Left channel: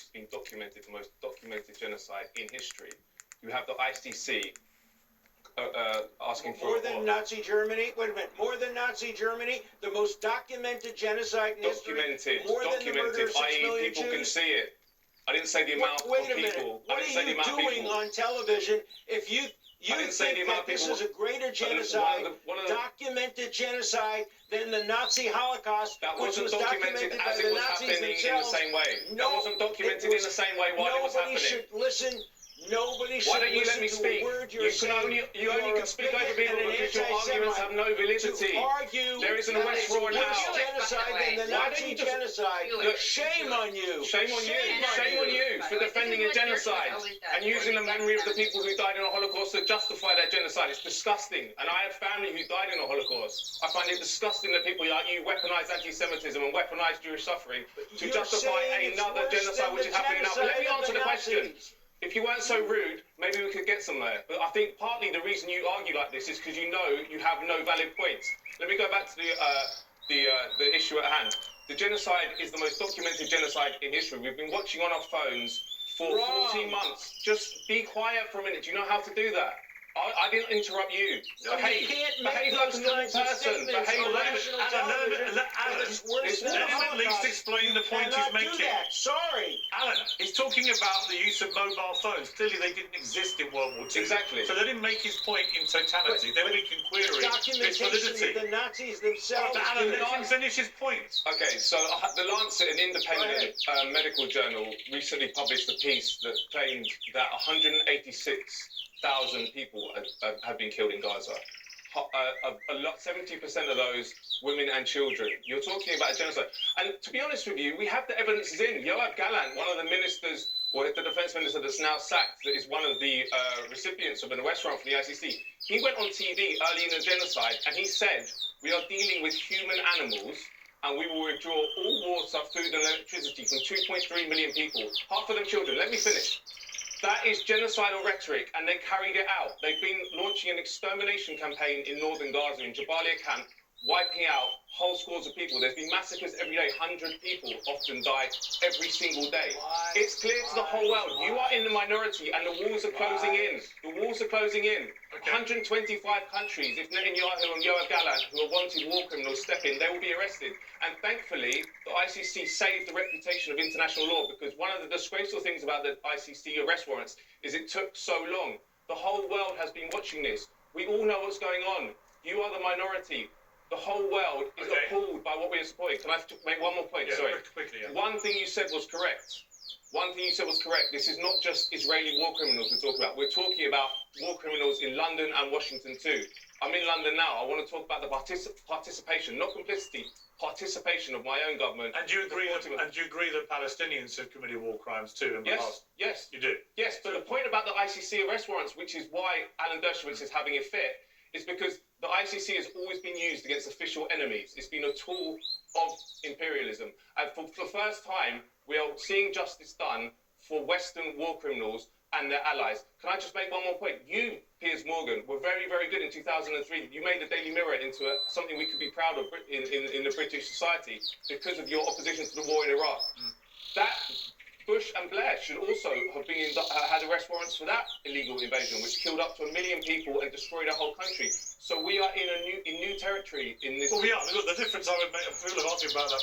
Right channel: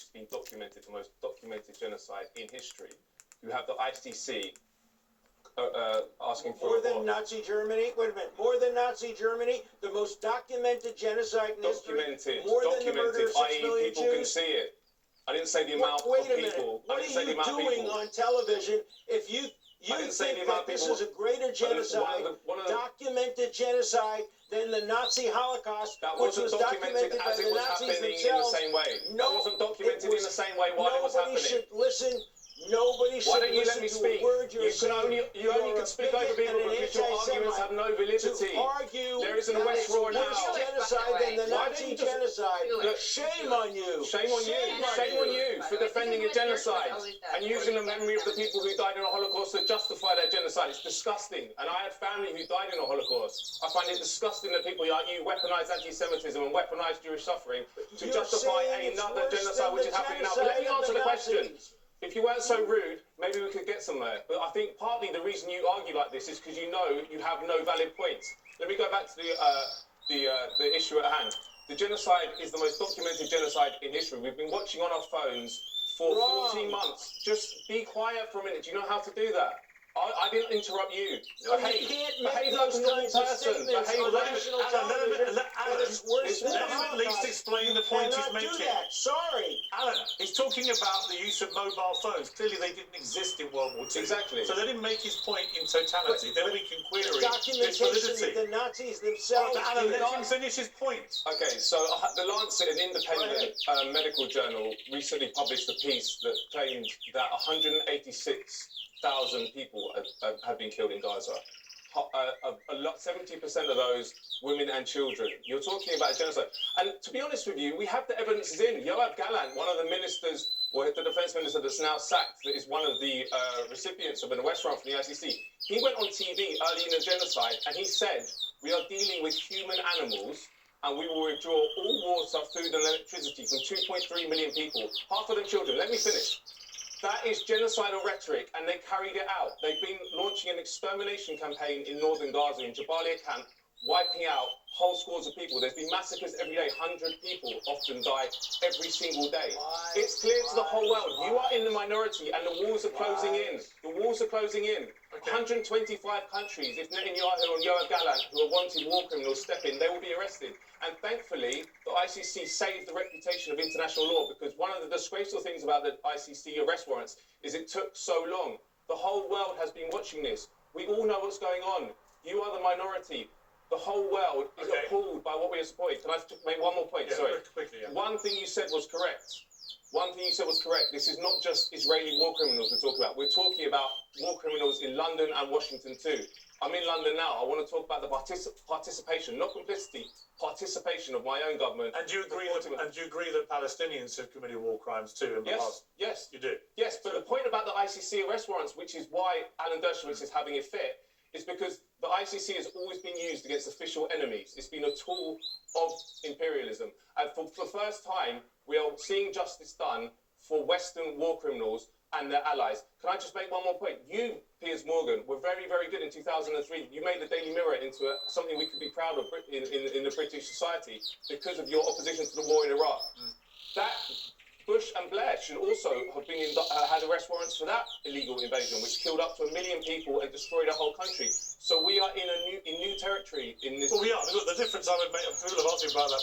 which has been documented, the most documented genocide in history. You have the ICC asking for more than Nazi Germany. Wait a minute, more than Nazi Germany, the most documented genocide in history. More than the murder of 6 million people Jews. Can see it. I didn't say the amount Wait of a minute. people. What are you doing on television if you think that this is a greater genocide, documented genocide, than the Nazi Holocaust, which was documented by the Nazis themselves? In the same way. No, that wasn't documented in the same way while it was happening. Nobody should listen. Nobody should listen to a word you're saying. You only can speak over people because your arguments have no validity. There isn't a West Roy now. Genocide than the Nazi genocide. Shame on you. Shame on you for defending a genocide and using the memory of the people who died in the Holocaust to justify that genocide. It's disgusting. And I have family who died in the Holocaust. I find it disgusting that people like you weaponize anti-Semitism and weaponize Jewish suffering to justify another genocide which is happening now. But let me answer the question. If you weren't so rude, maybe we could get somewhere. But I think partly the reason you argue like this is because you know you have no valid points. Let me go back to the issue at hand. The genocide is the most documented genocide in history. We've been watching on our phones for 14 months. Just be quiet for a minute. Do you know how to do that? I didn't interrupt you. No, you can't make those kinds of statements on national television. Let him at least explain the point he's making. Sorry. Alan, he's talking about the use of mobile phones. Clearly they didn't exist in World War II. Exactly. So let him make his point in totality. Then we can query its validity. The Nazis themselves. Alan, let him finish his point. Okay, so the Lancet, an independent medical journal, recently published a piece that claimed that 186,000 people have been killed in Gaza. 70% of those women and children. You're talking about a genocide. And to be honest with you, we have the evidence in. Yoav Gallant, one of the ministers, or the defense minister that's now sacked, that is one of the recipients of an arrest warrant from the ICC, he went on TV early in the genocide and he said, we are dealing with human animals and we will withdraw all water, food and electricity from 2.3 million people, half of them children. Let me finish. That is genocidal rhetoric, and they carried it out. They've been launching an extermination campaign in northern Gaza, in Jabalia camp, wiping out whole scores of people. There's been massacres every day. 100 people often die every single day. It's clear to the whole world. You are in the minority, and the walls are closing in. The walls are closing in. 125 countries, if Netanyahu and Yoav Gallant, who are wanted war criminals, step in, they will be arrested. And thankfully, the ICC saved the reputation of international law, because one of the disgraceful things about the ICC arrest warrants is it took so long. The whole world has been watching this. We all know what's going on. You are the minority. The whole world is appalled by what we are supporting. Can I make one more point? Yeah, sorry. Quickly, yeah. One thing you said was correct. This is not just Israeli war criminals we're talking about. We're talking about war criminals in London and Washington too. I'm in London now. I want to talk about the participation, not complicity, participation of my own government. And do you agree that Palestinians have committed war crimes too in the past? Yes. You do? Yes, but the point about the ICC arrest warrants, which is why Alan Dershowitz is having a fit, is because the ICC has always been used against official enemies. It's been a tool of imperialism. And for the first time, we are seeing justice done for Western war criminals and their allies. Can I just make one more point? You, Piers Morgan, were very, very good in 2003. You made the Daily Mirror into something we could be proud of in the British society because of your opposition to the war in Iraq. That Bush and Blair should also have been had arrest warrants for that illegal invasion, which killed up to 1 million people and destroyed a whole country. So we are in new territory in this. Well, we are. The difference I would make, people have asked me about that.